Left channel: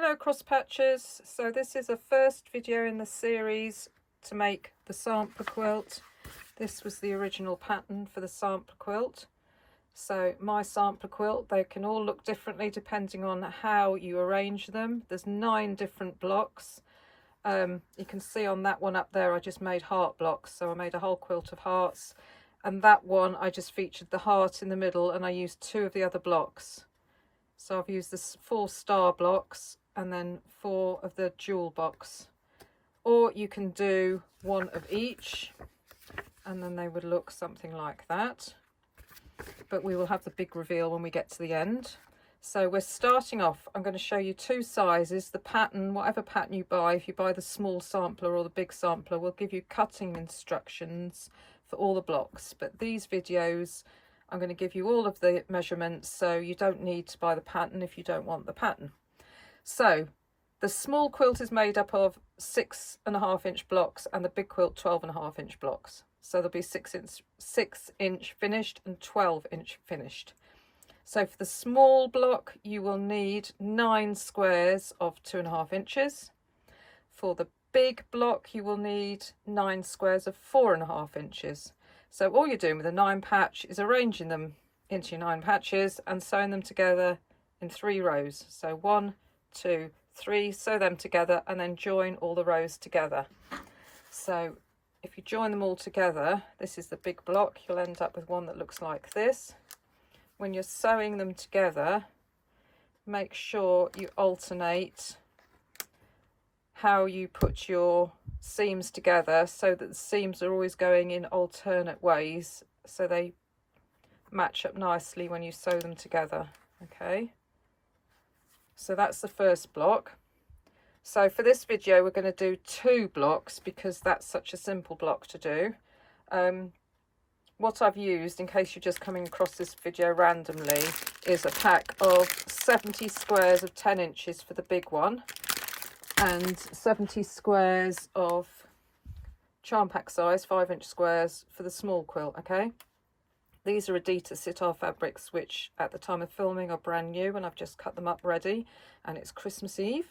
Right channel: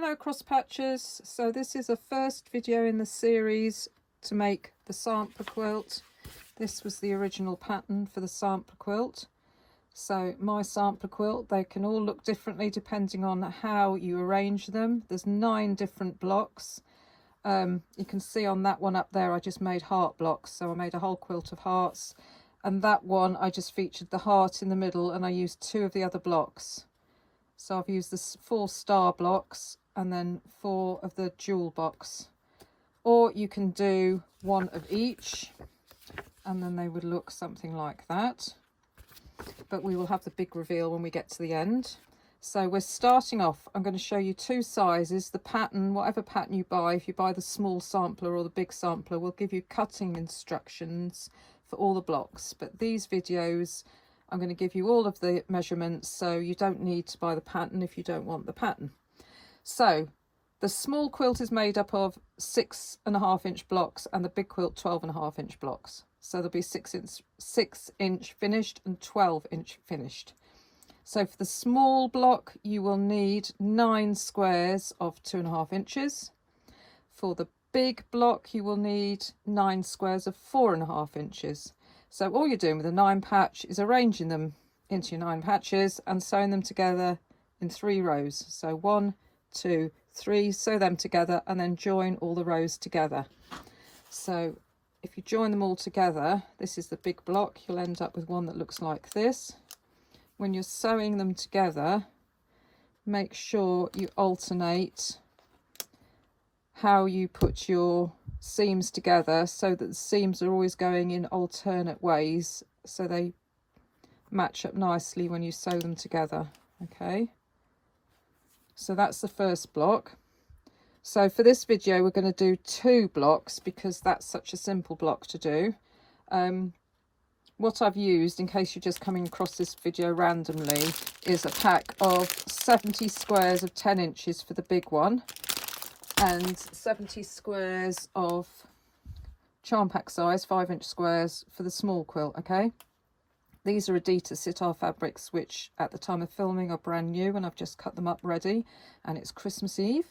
Hello cross patchers. So this is a first video in the series to make the sampler quilt. This was the original pattern for the sampler quilt. So my sampler quilt, they can all look differently depending on how you arrange them. There's 9 different blocks. You can see on that one up there I just made heart blocks, so I made a whole quilt of hearts, and that one I just featured the heart in the middle and I used 2 of the other blocks. So I've used the 4 star blocks and then 4 of the jewel box. Or you can do 1 of each and then they would look something like that. But we will have the big reveal when we get to the end. So we're starting off, I'm going to show you 2 sizes. The pattern, whatever pattern you buy, if you buy the small sampler or the big sampler, will give you cutting instructions for all the blocks. But these videos, I'm going to give you all of the measurements, so you don't need to buy the pattern if you don't want the pattern. So the small quilt is made up of 6.5 inch blocks and the big quilt 12.5 inch blocks. So there'll be 6 inch finished and 12 inch finished. So for the small block you will need 9 squares of 2.5 inches. For the big block you will need 9 squares of 4.5 inches. So all you're doing with a 9 patch is arranging them into your 9 patches and sewing them together in 3 rows. So 1, 2, 3, sew them together and then join all the rows together. So if you join them all together, this is the big block, you'll end up with one that looks like this. When you're sewing them together, make sure you alternate how you put your seams together so that the seams are always going in alternate ways so they match up nicely when you sew them together. Okay, so that's the first block. So for this video we're going to do 2 blocks because that's such a simple block to do. What I've used, in case you're just coming across this video randomly, is a pack of 70 squares of 10 inches for the big one and 70 squares of charm pack size 5 inch squares for the small quilt. Okay, these are Edyta Sitar fabrics which at the time of filming are brand new and I've just cut them up ready, and it's Christmas Eve,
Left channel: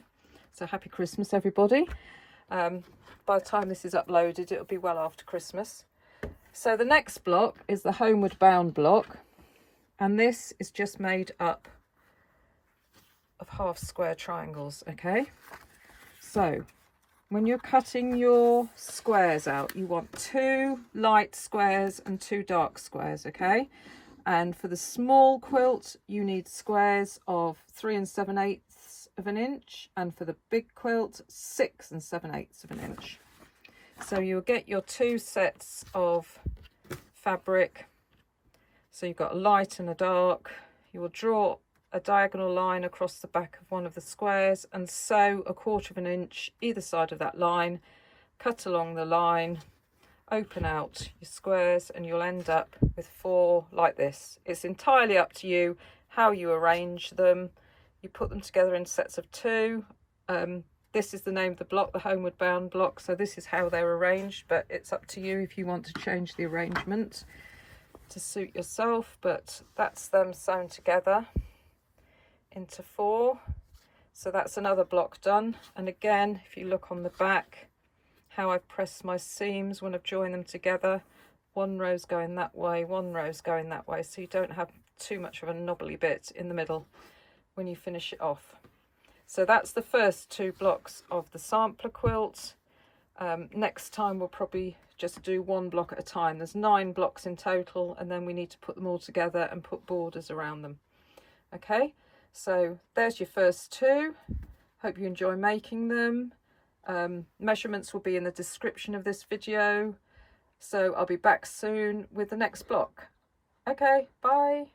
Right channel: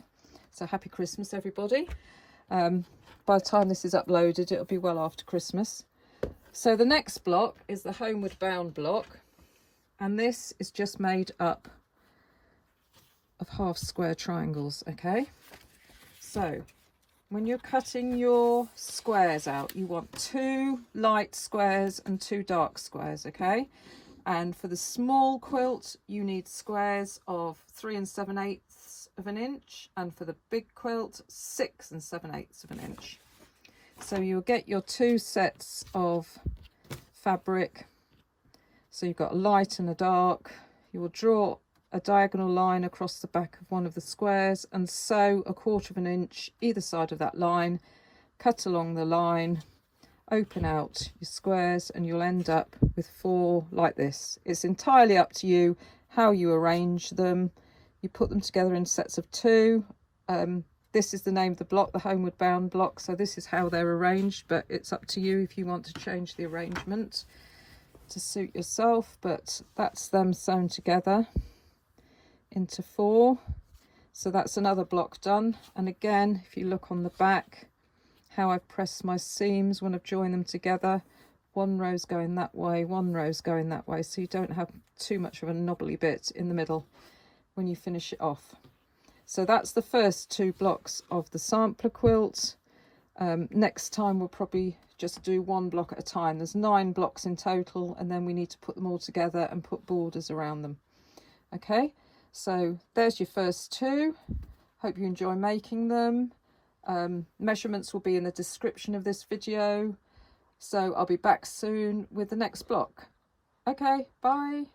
so happy Christmas everybody. By the time this is uploaded it'll be well after Christmas. So the next block is the homeward bound block, and this is just made up of half square triangles. Okay, so when you're cutting your squares out you want 2 light squares and 2 dark squares. Okay, and for the small quilt you need squares of 3 7/8 of an inch, and for the big quilt 6 7/8 of an inch. So you'll get your 2 sets of fabric. So you've got a light and a dark. You will draw a diagonal line across the back of one of the squares and sew 1/4 inch either side of that line. Cut along the line, open out your squares, and you'll end up with 4 like this. It's entirely up to you how you arrange them. You put them together in sets of 2. This is the name of the block, the homeward bound block, so this is how they're arranged, but it's up to you if you want to change the arrangement to suit yourself. But that's them sewn together into 4. So that's another block done. And again, if you look on the back how I've pressed my seams when I've joined them together, 1 row's going that way, 1 row's going that way, so you don't have too much of a knobbly bit in the middle when you finish it off. So that's the first 2 blocks of the sampler quilt. Next time we'll probably just do 1 block at a time. There's 9 blocks in total, and then we need to put them all together and put borders around them. Okay, so there's your first 2. Hope you enjoy making them. Measurements will be in the description of this video. So I'll be back soon with the next block. Okay, bye.